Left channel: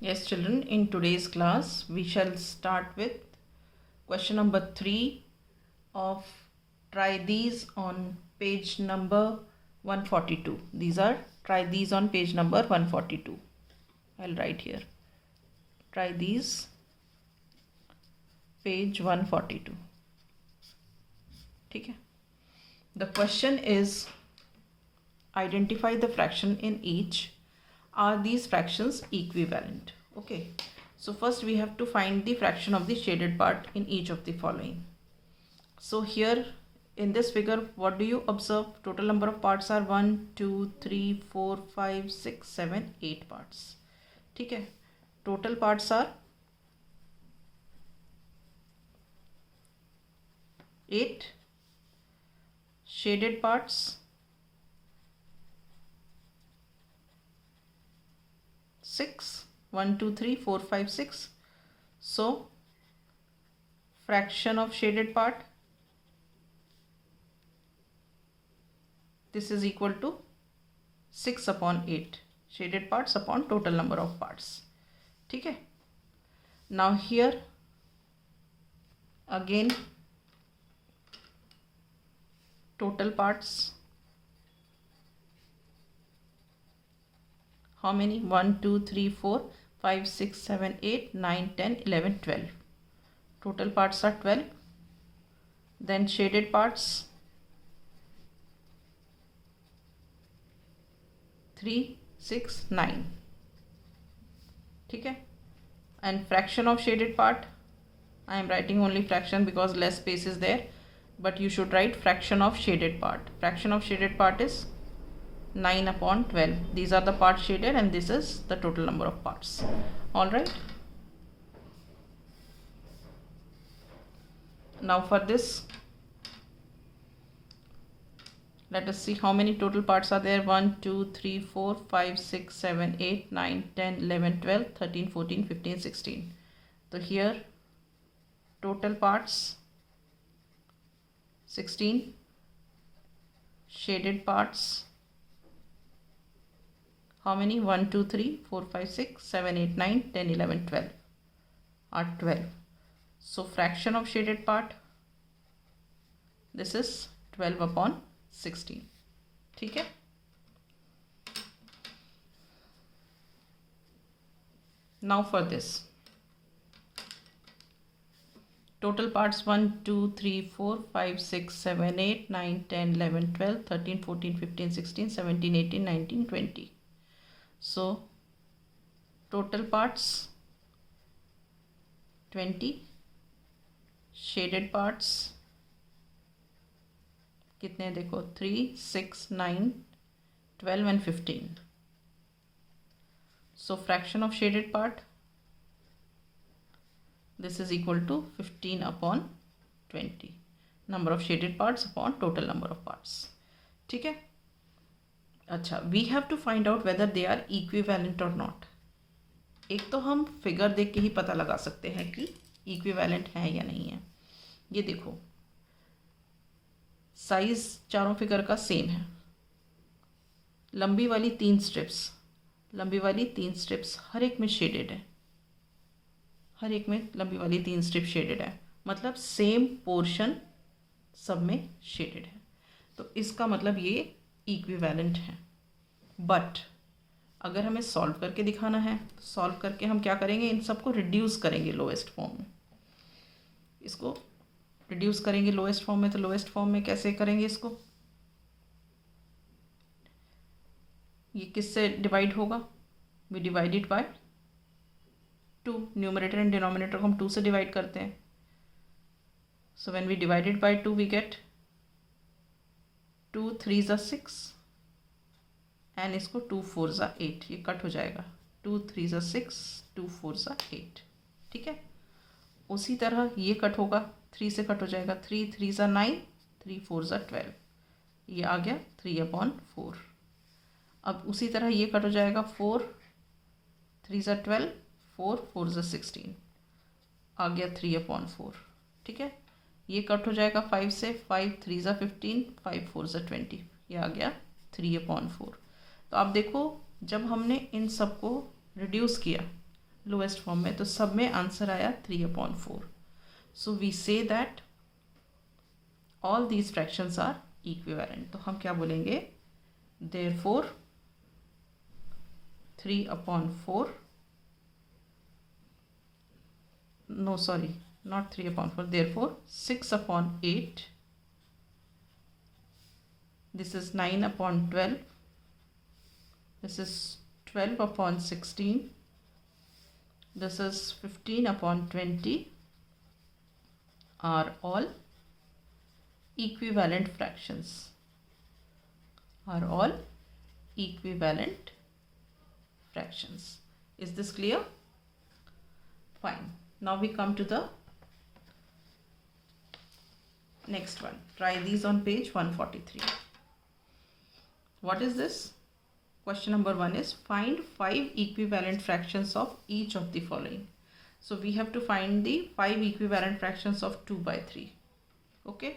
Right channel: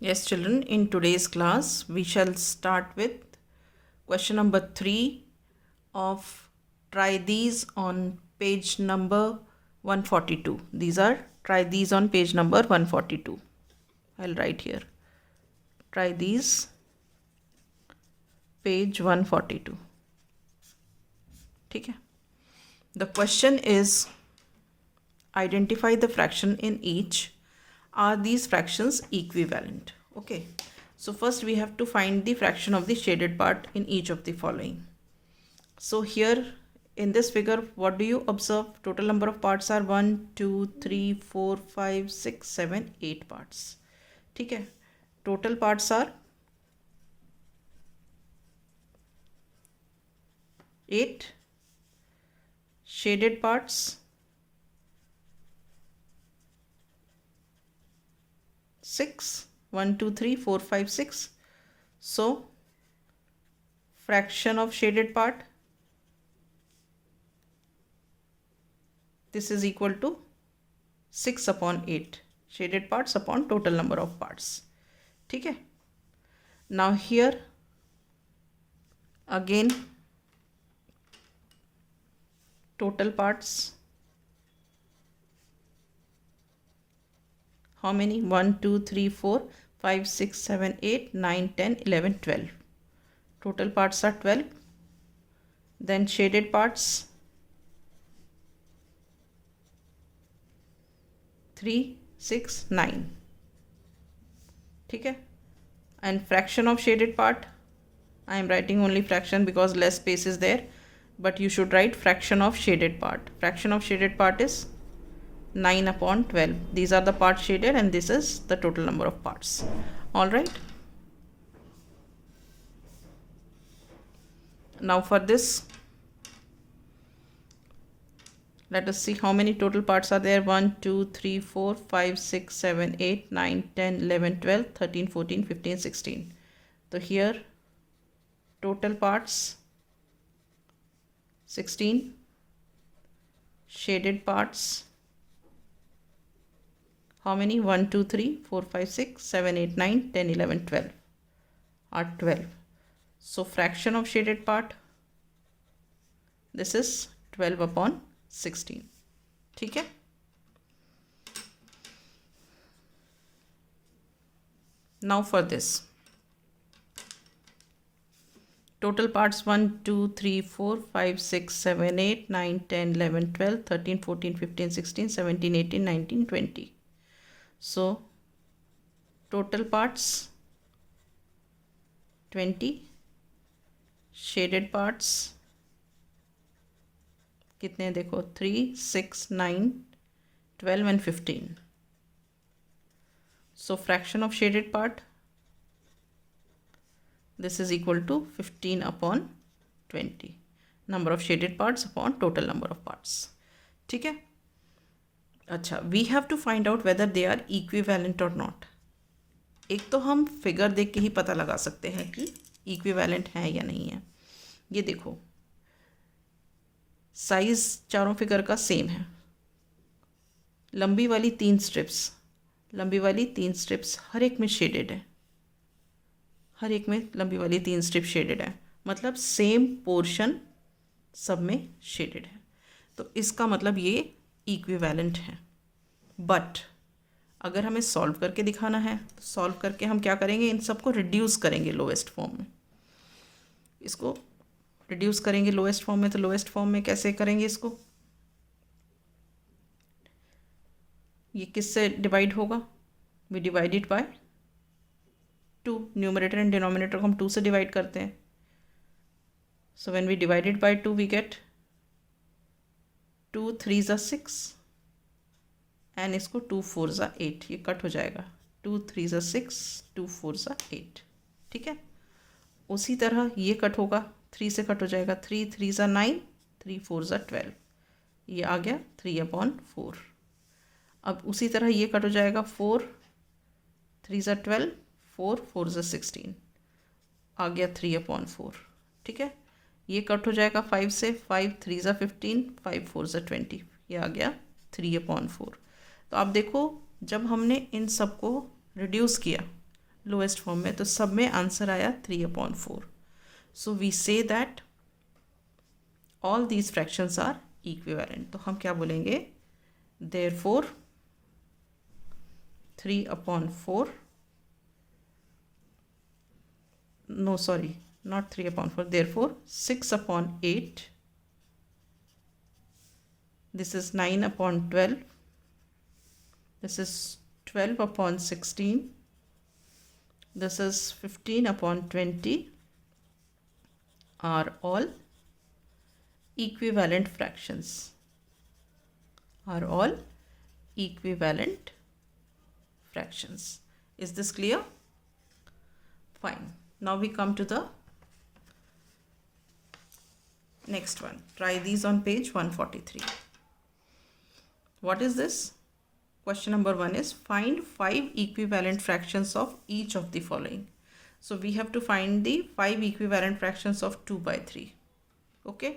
Yes, children, in today's class, we shall start with question number 3 of try these on page number 142. These are try these on page number 142. I'll write here. Try these, page 142. ठीक है? The question is, identify the fraction in each. Are these fractions equivalent? Okay. So first we have to find the fraction of the shaded part in each of the following. So here in this figure, what do you observe? Total number of parts are 1, 2, 3, 4, 5, 6, 7, 8 parts. ठीक है? Total parts are 8. Shaded parts 6. 1, 2, 3, 4, 5, 6. So fraction of shaded part, this is equal to 6 upon 8. Shaded parts upon total number of parts. ठीक है? Now here again total parts. How many? 1, 2, 3, 4, 5, 6, 7, 8, 9, 10, 11, 12. Total parts are 12. Then shaded parts 3, 6, 9. ठीक है? And fraction of shaded part, I am writing only fraction because less space is there, but you should write fraction of shaded part. Fraction of shaded part is 9 upon 12. These are the parts shaded and this is the total number of parts. All right. Now for this, let us see how many total parts are there. 1, 2, 3, 4, 5, 6, 7, 8, 9, 10, 11, 12, 13, 14, 15, 16. So here total parts 16. Shaded parts, how many? 1, 2, 3, 4, 5, 6, 7, 8, 9, 10, 11, 12 are 12. So fraction of shaded part, this is 12 upon 16. ठीक है? Now for this. Total parts 1, 2, 3, 4, 5, 6, 7, 8, 9, 10, 11, 12, 13, 14, 15, 16, 17, 18, 19, 20. So total parts 20. Shaded parts कितने देखो? 3, 6, 9, 12 and 15. So fraction of shaded part, this is equal to 15 upon 20. Number of shaded parts upon total number of parts. ठीक है? अच्छा, we have to find out whether they are equivalent or not. एक तो हम figure देख के ही पता लगा सकते हैं कि इक्विवेलेंट है या नहीं है. ये देखो, साइज चारों फिगर का सेम है. लंबी वाली 3 स्ट्रिप्स हर एक में शेडेड है. हर एक में लंबी वाली 3 स्ट्रिप शेडेड है, मतलब सेम पोर्शन सब में शेडेड है. तो इसका मतलब ये इक्विवेलेंट है. बट अगर हमें सॉल्व करके दिखाना है तो सॉल्व करके हम क्या करेंगे? इन सबको रिड्यूस करेंगे लोएस्ट फॉर्म में. इसको रिड्यूस करेंगे लोएस्ट फॉर्म में. तो लोएस्ट फॉर्म में कैसे करेंगे इसको? ये किससे डिवाइड होगा? We divide it by 2. Numerator and denominator को हम 2 से डिवाइड करते हैं. So when we divide it by 2 we get 2 3 ज़ा 6 एंड इसको 2 4 ज़ा 8. ये कट हो जाएगा. 2 3 ज़ा 6, 2 4 ज़ा 8. ठीक है? उसी तरह ये कट होगा, 3 से कट हो जाएगा. 3 3 ज़ा 9, 3 4 ज़ा 12. ये आ गया 3 upon 4. अब उसी तरह ये कट हो जाएगा. 4 3 ज़ा 12, 4 4 ज़ा 16. आ गया 3 upon 4. ठीक है? ये कट हो जाएगा 5 से. 5 3 ज़ा 15, 5 4 ज़ा 20. ये आ गया 3 upon 4. तो आप देखो, जब हमने इन सबको रिड्यूस किया लोएस्ट फॉर्म में, तो सब में आंसर आया 3/4. So we say that all these fractions are equivalent. तो हम क्या बोलेंगे, therefore 3/4, no sorry, not 3/4, therefore 6/8, this is 9/12, this is 12/16, this is 15/20 are all equivalent fractions, are all equivalent fractions. Is this clear? Fine. Now we come to the next one. Try these on page 143. What is this? Question number 1 is find 5 equivalent fractions of each of the following. So we have to find the 5 equivalent fractions of 2/3. Okay.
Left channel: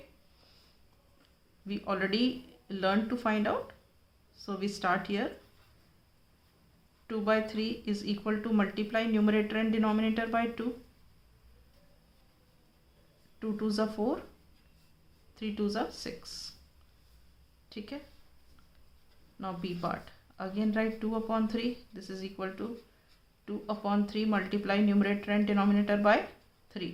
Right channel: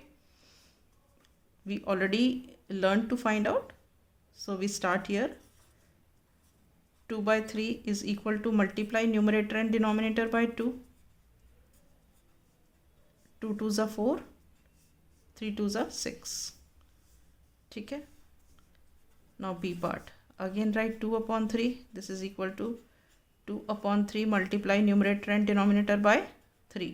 We already learned to find out. So we start here. 2/3 is equal to multiply numerator and denominator by 2. 2 2s are 4, 3 2s are 6. ठीक है. Now B part. Again write 2/3. This is equal to 2/3 multiply numerator and denominator by 3.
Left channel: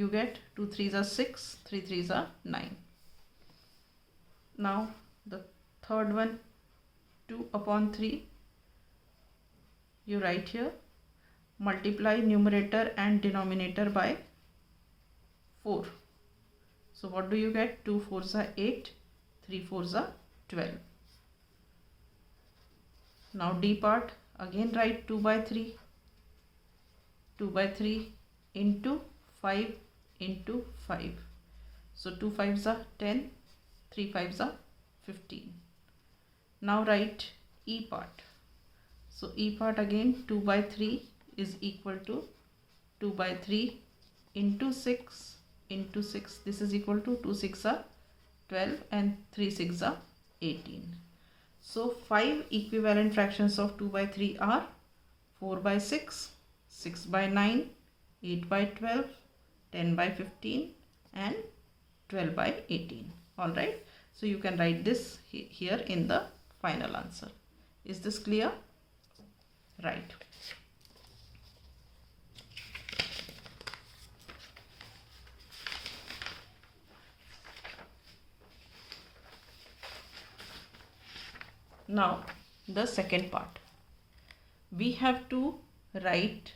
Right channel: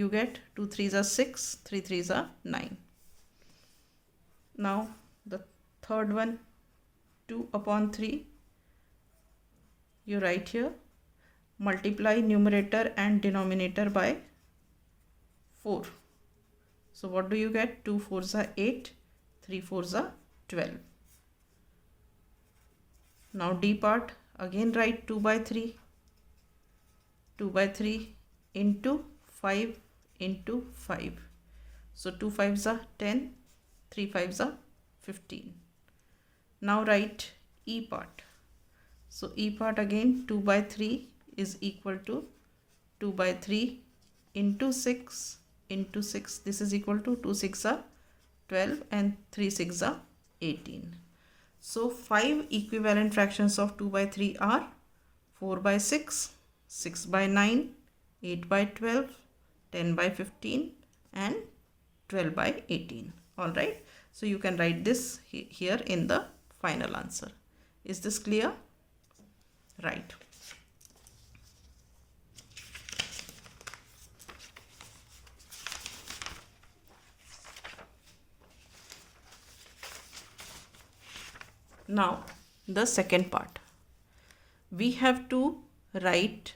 You get 2 3s are 6, 3 3s are 9. Now the third one, 2/3. You write here multiply numerator and denominator by 4. So what do you get? 2 4s are 8, 3 4s are 12. Now D part, again write 2/3. 2/3 into 5 into 5. So 2 5s are 10, 3 5s are 15. Now write E part. So E part again 2/3 is equal to 2/3 into 6 into 6. This is equal to 2 6 are 12 and 3 6 are 18. So 5 equivalent fractions of 2/3 are 4/6, 6/9, 8/12, 10/15 and 12/18. Alright. So you can write this here in the final answer. Is this clear? Right. Now the second part. We have to write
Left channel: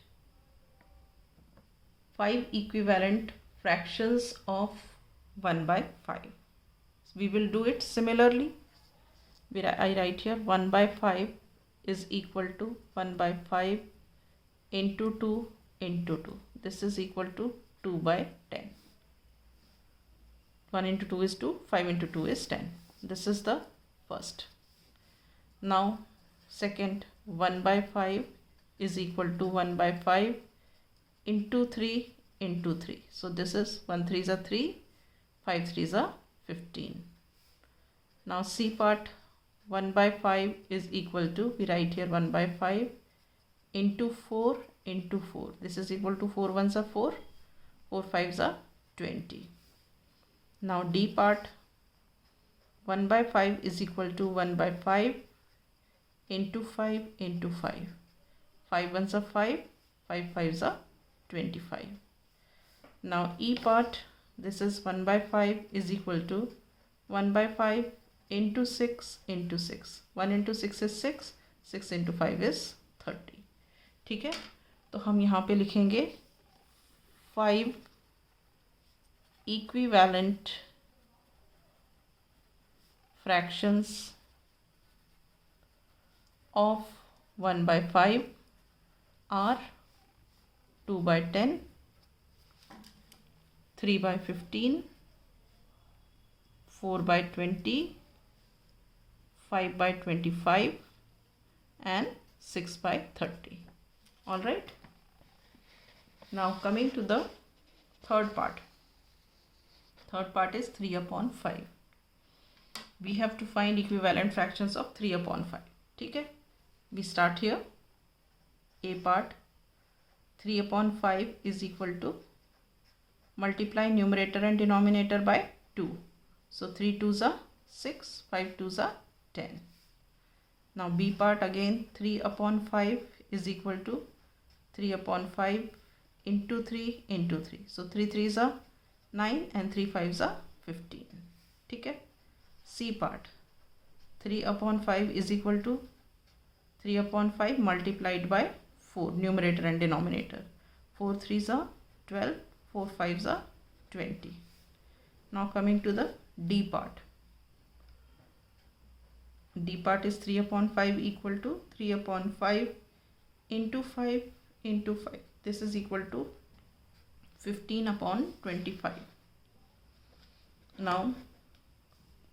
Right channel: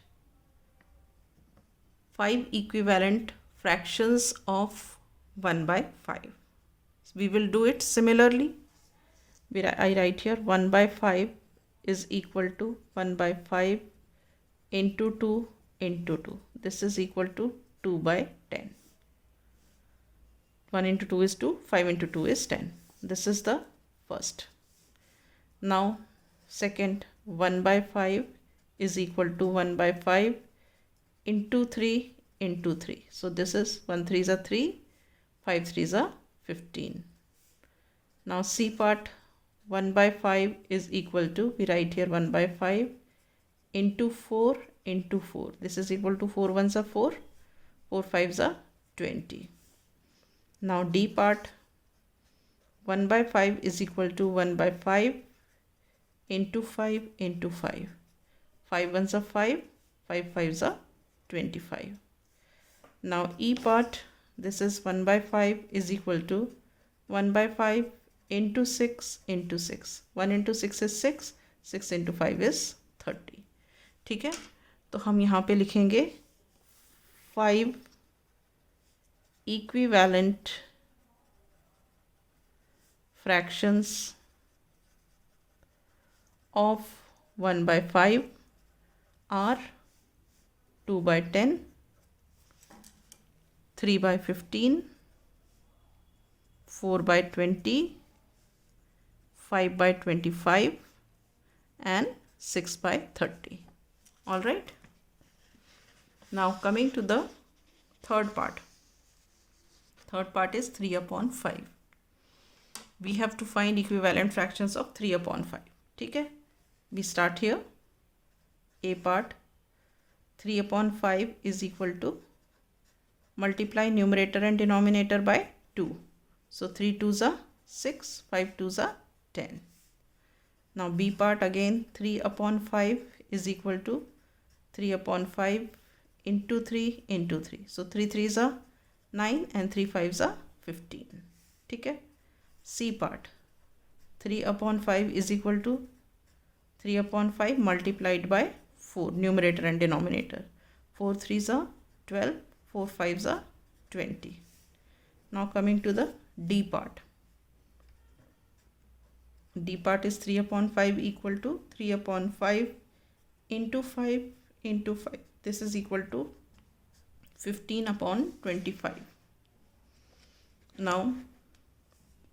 5 equivalent fractions of 1/5. We will do it similarly. I write here 1/5 is equal to 1/5 into 2 into 2. This is equal to 2/10. 1 into 2 is 2, 5 into 2 is 10. This is the first. Now second, 1/5 is equal to 1/5 into 3 into 3. So this is 1 3s are 3, 5 3s are 15. Now C part, 1/5 is equal to, we write here 1/5 into 4 into 4. This is equal to 4 1s are 4, 4 5s are 20. Now D part, 1/5 is equal to 1/5 into 5 into 5. 5 1s are 5, 5 5s are 25. Now E part, this is 1/5 is equal to 1/5 into 6 into 6. 1 into 6 is 6, 6 into 5 is 30. ठीक है. तो हम यहाँ पे लिखेंगे 5 equivalent fractions of 1/5 are 2/10, 3/15, 4/20, 5/25 and 6/30. All right. Now coming to the third part. Third part is 3/5. We have to find equivalent fractions of 3/5. ठीक है. We start here. A part, 3 upon 5 is equal to, multiply numerator and denominator by 2. So 3 2s are 6, 5 2s are 10. Now B part again, 3 upon 5 is equal to 3 upon 5 into 3 into 3. So 3 3s are 9 and 3 5s are 15. ठीक है. C part, 3 upon 5 is equal to 3 upon 5 multiplied by 4, numerator and denominator. 4 3s are 12, 4 5s are 20. Now coming to the D part. D part is 3 upon 5 equal to 3 upon 5 into 5 into 5. This is equal to 15 upon 25. Now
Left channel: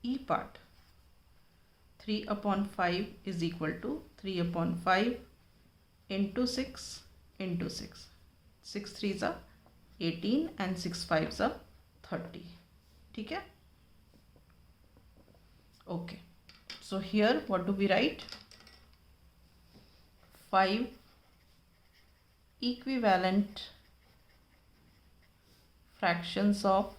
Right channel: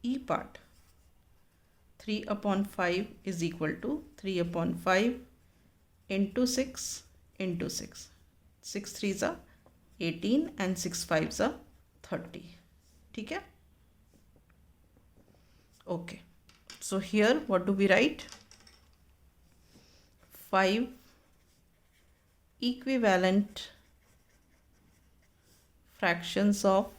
E part, 3 upon 5 is equal to 3 upon 5 into 6 into 6. 6 3s are 18 and 6 5s are 30. ठीक है. Okay. So here what do we write? 5 equivalent fractions of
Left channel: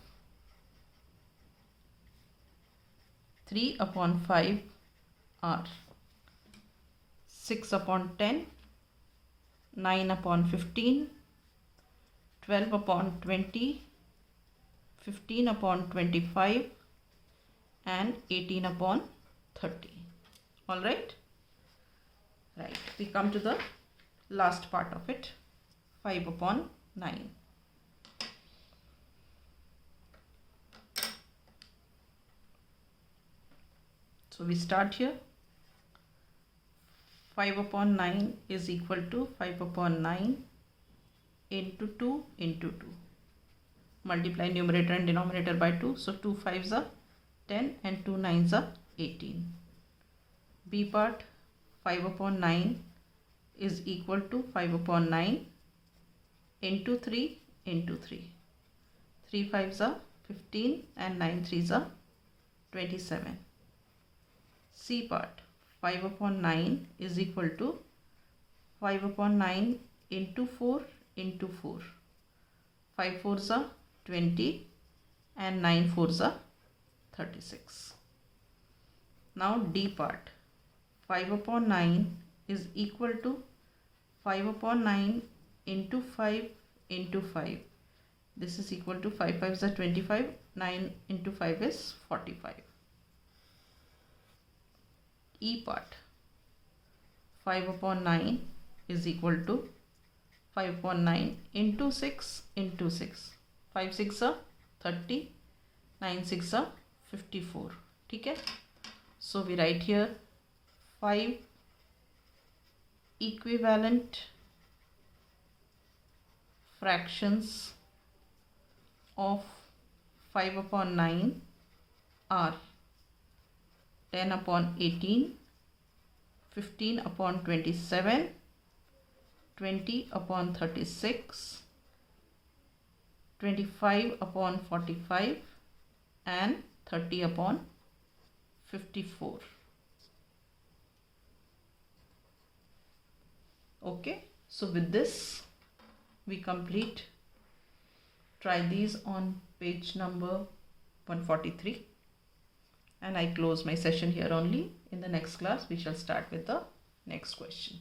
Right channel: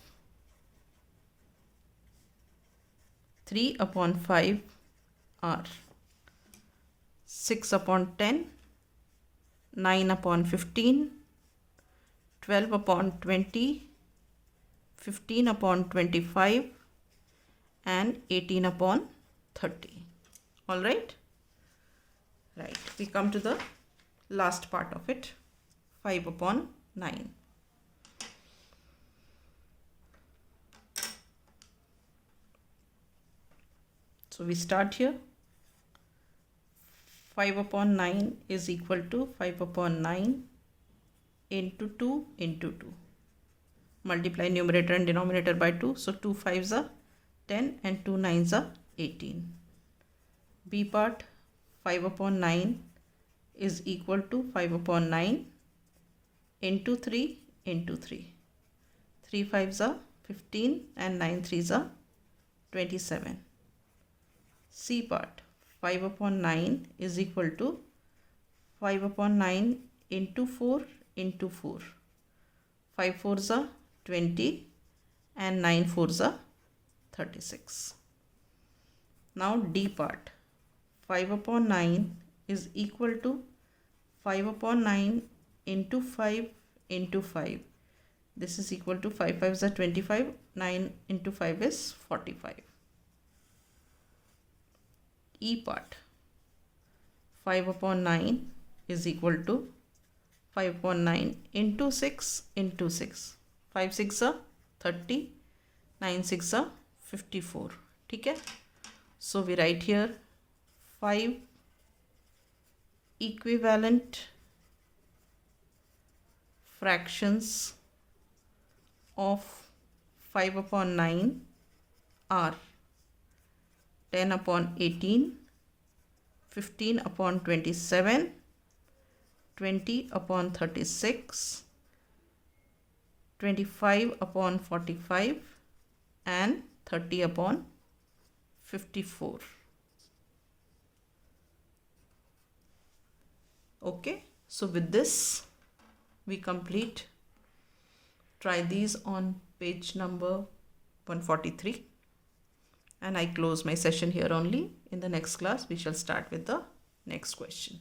3 upon 5 are 6 upon 10, 9 upon 15, 12 upon 20, 15 upon 25 and 18 upon 30. All right. Right. We come to the last part of it. 5 upon 9. So we start here. 5 upon 9 is equal to 5 upon 9 into 2 into 2. Multiply numerator and denominator by 2. So 2 5s are 10 and 2 9s are 18. B part, 5 upon 9 is equal to 5 upon 9 into 3 into 3. 3 5s are 15 and 9 3s are 27. C part, 5 upon 9 is equal to 5 upon 9 into 4 into 4. 5 4s are 20 and 9 4s are 36. Now D part, 5 upon 9 is equal to 5 upon 9 into 5 into 5. This is equal to 5 5s are 25, 9 into 5 is 45. E part, 5 upon 9 is equal to 5 upon 9 into 6 into 6. 5 6 are 30, 9 6 are 54. ठीक है. So we write here 5 equivalent fractions of 5 upon 9 are 10 upon 18, 15 upon 27, 20 upon 36, 25 upon 45 and 30 upon 54. Okay, so with this we complete. Try these on page number 143 and I close my session here only. In the next class we shall start with the next question.